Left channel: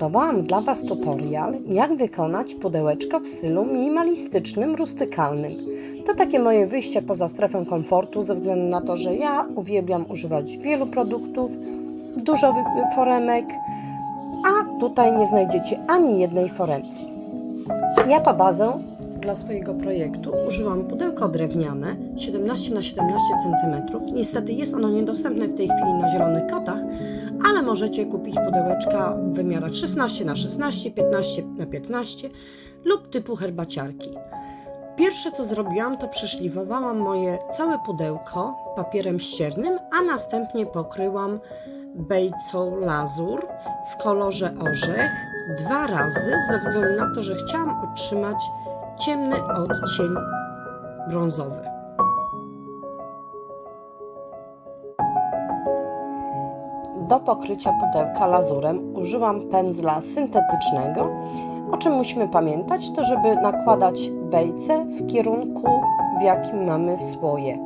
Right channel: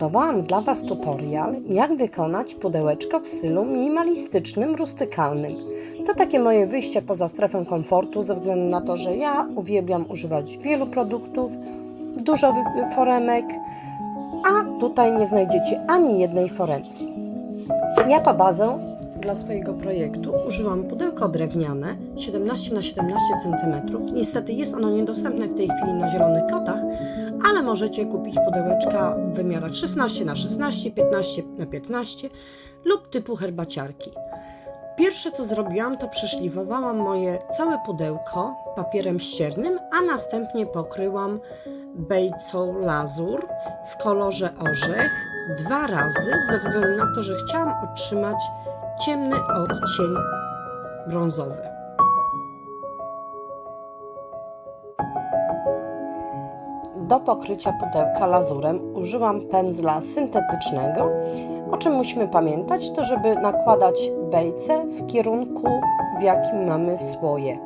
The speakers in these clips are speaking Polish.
przygotowałam dla Was tutorial, jak wykonać pudełeczko w stylu minimalistycznym, rustykalnym. To takie moje wyjście poza strefę komfortu, ze względu na to, że ja uwielbiam używać wielu produktów, dużo foremek, a tutaj nie znajdziecie ani jednej foremki. Jako bazę dla swojego projektu użyłam pudełko drewniane 17 na 17 cm. Niestety jest ono niedostępne w tej chwili na zielonych kotach, ale możecie kupić pudełeczka w wymiarach 16 na 16, 15 na 15 lub typu herbaciarki. Pierwsze co zrobiłam, to przeszlifowałam moje całe pudełko papierem ściernym, a następnie pokryłam bejcą lazur w kolorze orzech dwa razy, ze względu na to, że chciałam otrzymać ciemny odcień brązowy. Do pokrycia pudełka lazurem użyłam pędzla syntetycznego. O czym musimy pamiętać, to żeby nakładać bejce w kierunku, w jakim mamy słoje.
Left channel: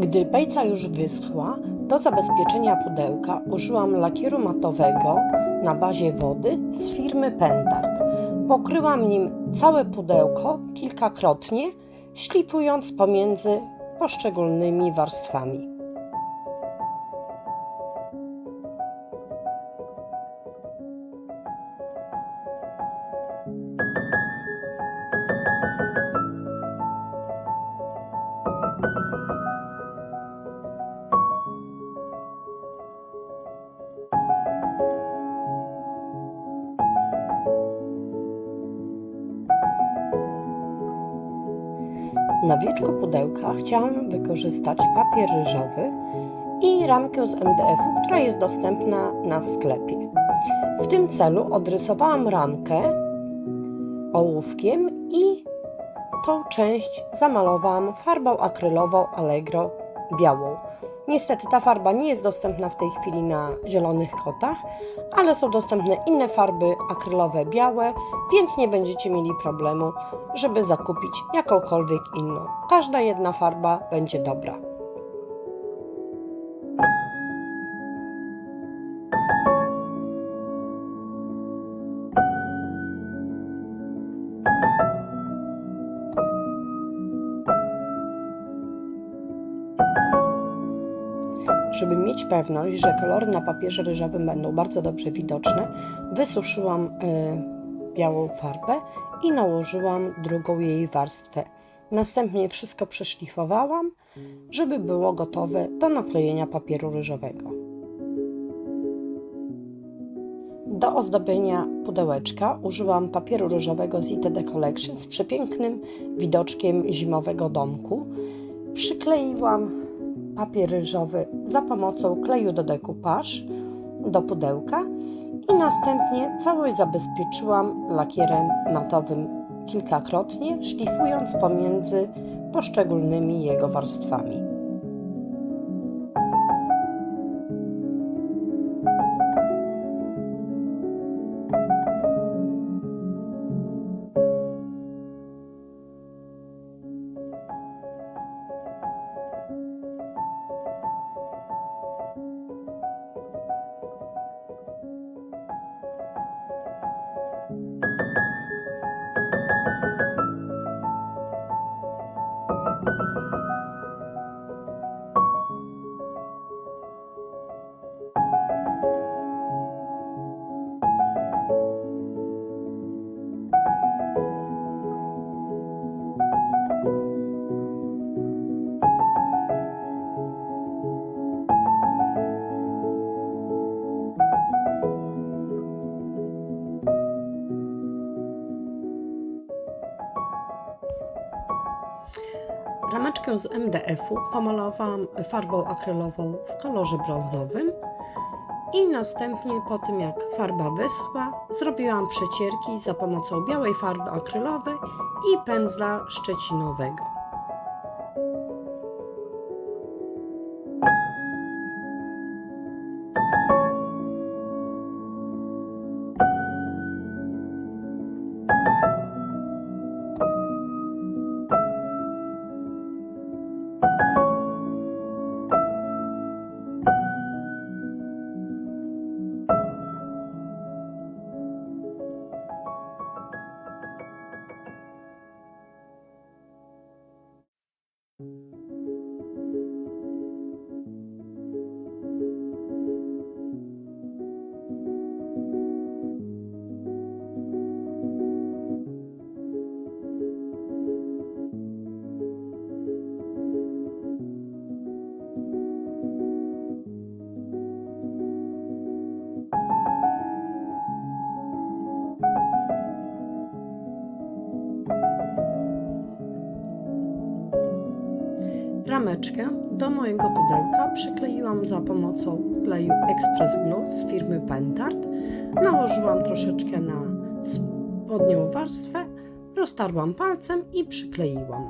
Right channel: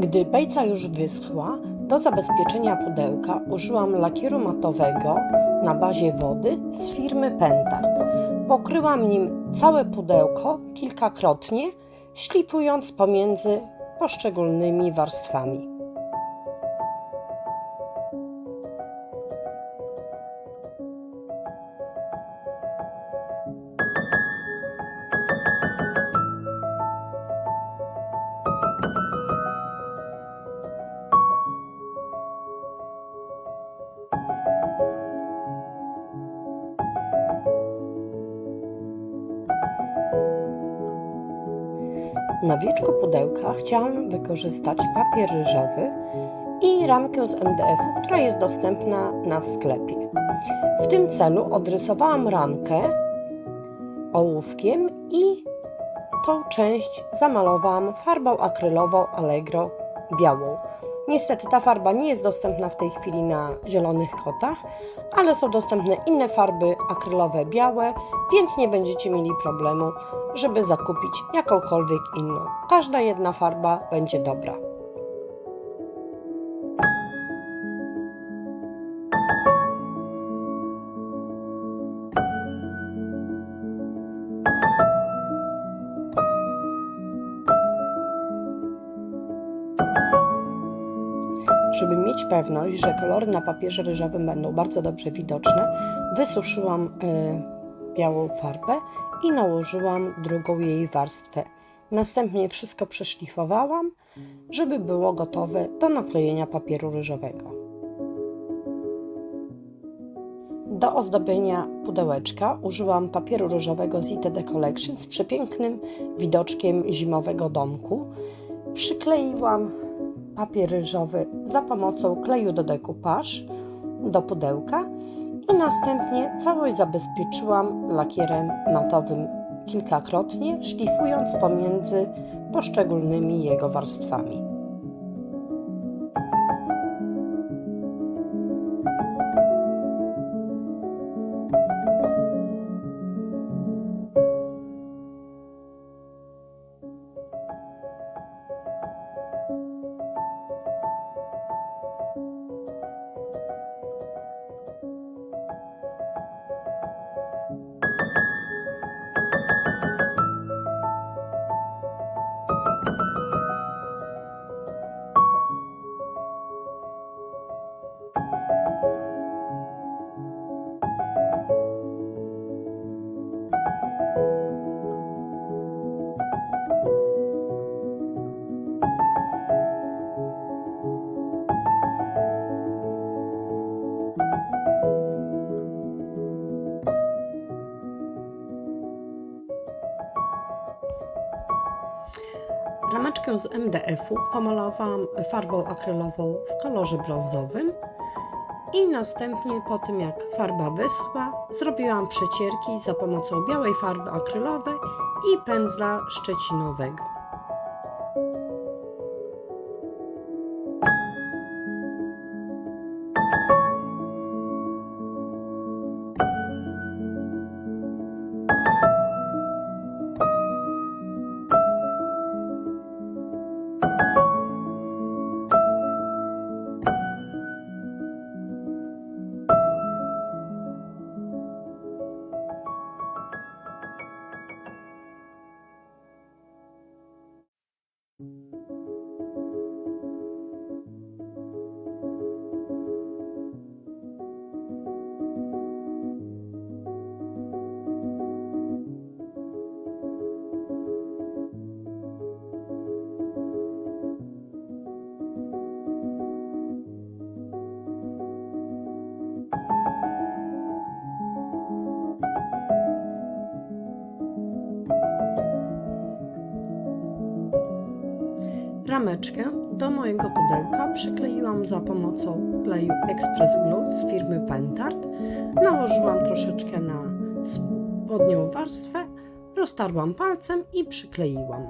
Gdy bejca już wyschła, do zabezpieczenia pudełka użyłam lakieru matowego na bazie wody z firmy Pentard. Pokryłam nim całe pudełko kilkakrotnie, szlifując pomiędzy poszczególnymi warstwami. Na wieczku pudełka chciałam wykorzystać papier ryżowy i ramkę z MDF-u, która jest dostępna na sklepie. W tym celu odrysowałam ramkę ołówkiem i tą część zamalowałam farbą akrylową Allegro białą. Niestety ta farba nie jest dostępna w tej chwili na zielonych kotach, ale są dostępne inne farby akrylowe białe, więc nie będziecie mieli problemu, żeby zakupić jakąkolwiek inną. Każda jedna farba będzie dobra. Pewność, że kolory na papierze ryżowym będą bardzo dobrze widoczne, wysuszyłam y, białą farbę i nałożyłam drugą jej warstwę. Następnie wszystko przeszlifowałam, żeby było gotowe do naklejenia papieru ryżowego. Do ozdobienia pudełeczka użyłam papieru ryżowego z ITD Collection z przepięknym widoczkiem zimowego domku. Przykleiłam papier ryżowy za pomocą kleju do dekupaż do pudełka i następnie całość zabezpieczyłam lakierem matowym kilkakrotnie, szlifując pomiędzy poszczególnymi jego warstwami. Rameczkę z MDF-u pomalowałam farbą akrylową w kolorze brązowym i następnie po tym jak farba wyschła, zrobiłam przecierki za pomocą białej farby akrylowej i pędzla szczecinowego. Rameczkę do mojego pudełka przykleiłam za pomocą kleju Express Glue z firmy Pentard. Nałożyłam troszeczkę na spodnią warstwę, roztarłam palcem i przykleiłam.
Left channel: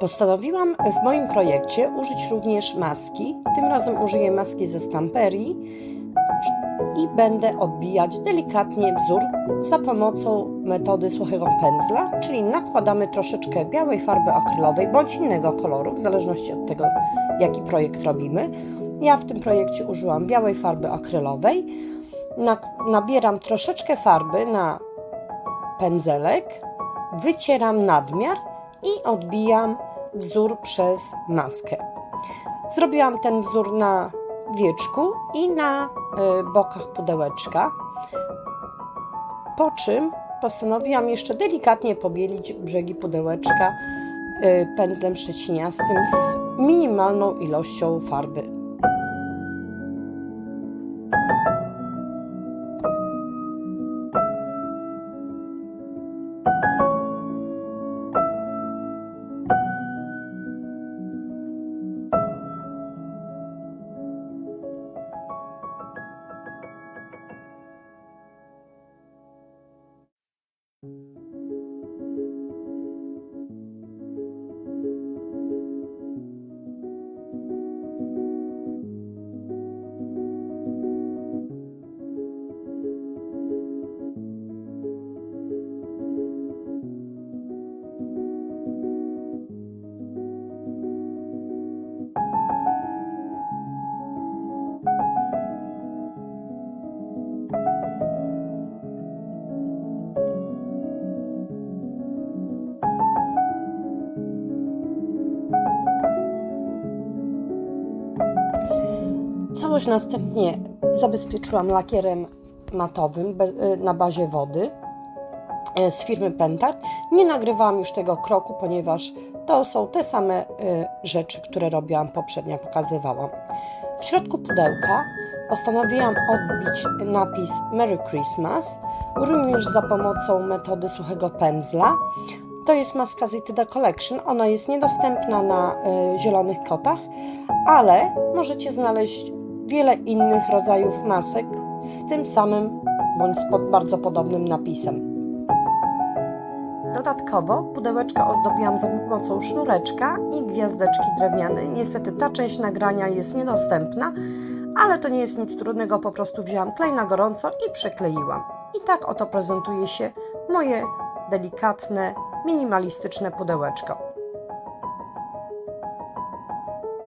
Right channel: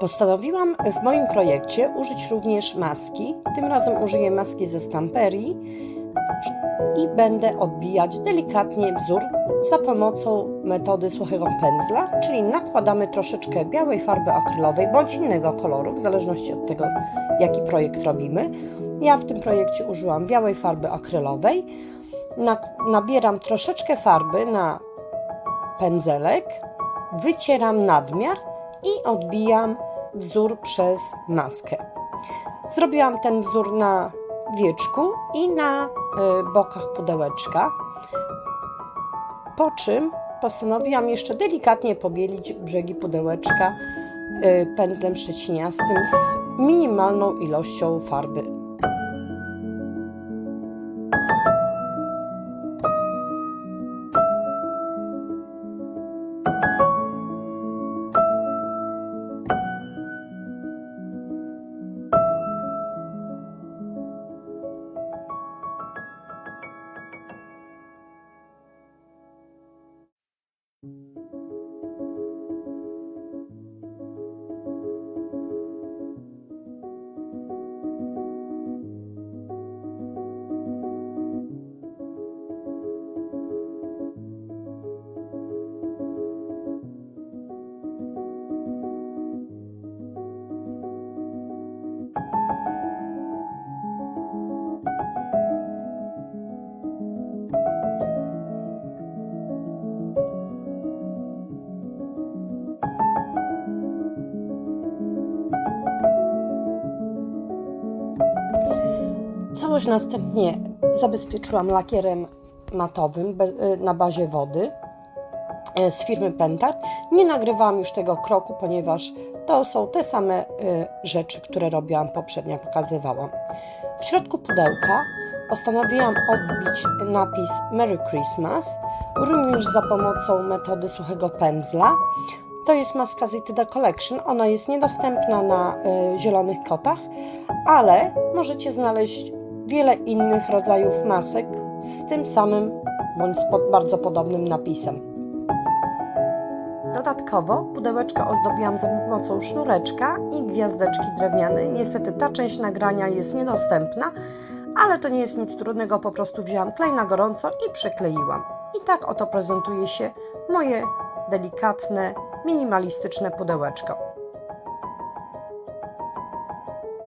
Postanowiłam w moim projekcie użyć również maski. Tym razem użyję maski ze stamperii i będę odbijać delikatnie wzór za pomocą metody suchego pędzla, czyli nakładamy troszeczkę białej farby akrylowej bądź innego koloru, w zależności od tego, jaki projekt robimy. Ja w tym projekcie użyłam białej farby akrylowej. Nabieram troszeczkę farby na pędzelek, wycieram nadmiar i odbijam wzór przez maskę. Zrobiłam ten wzór na wieczku i na y, bokach pudełeczka, po czym postanowiłam jeszcze delikatnie pobielić brzegi pudełeczka y, pędzlem szczeciniastym z minimalną ilością farby. Całość następnie zabezpieczyłam lakierem matowym na bazie wody e, z firmy Pentard. Nie nagrywałam już tego kroku, ponieważ to są te same e, rzeczy, które robiłam poprzednio, pokazywałam. W środku pudełka postanowiłam odbić napis Merry Christmas, również za pomocą metody suchego pędzla. To jest maska Zitida Collection. Ona jest niedostępna na zielonych kotach, ale możecie znaleźć wiele innych rodzajów masek z tym samym bądź pod bardzo podobnym napisem. Dodatkowo pudełeczka ozdobiłam za pomocą sznureczka i gwiazdeczki drewnianej. Niestety ta część nagrania jest niedostępna, ale to nie jest nic trudnego, po prostu wzięłam klej na gorąco i przykleiłam. I tak oto prezentuje się moje delikatne, minimalistyczne pudełeczko.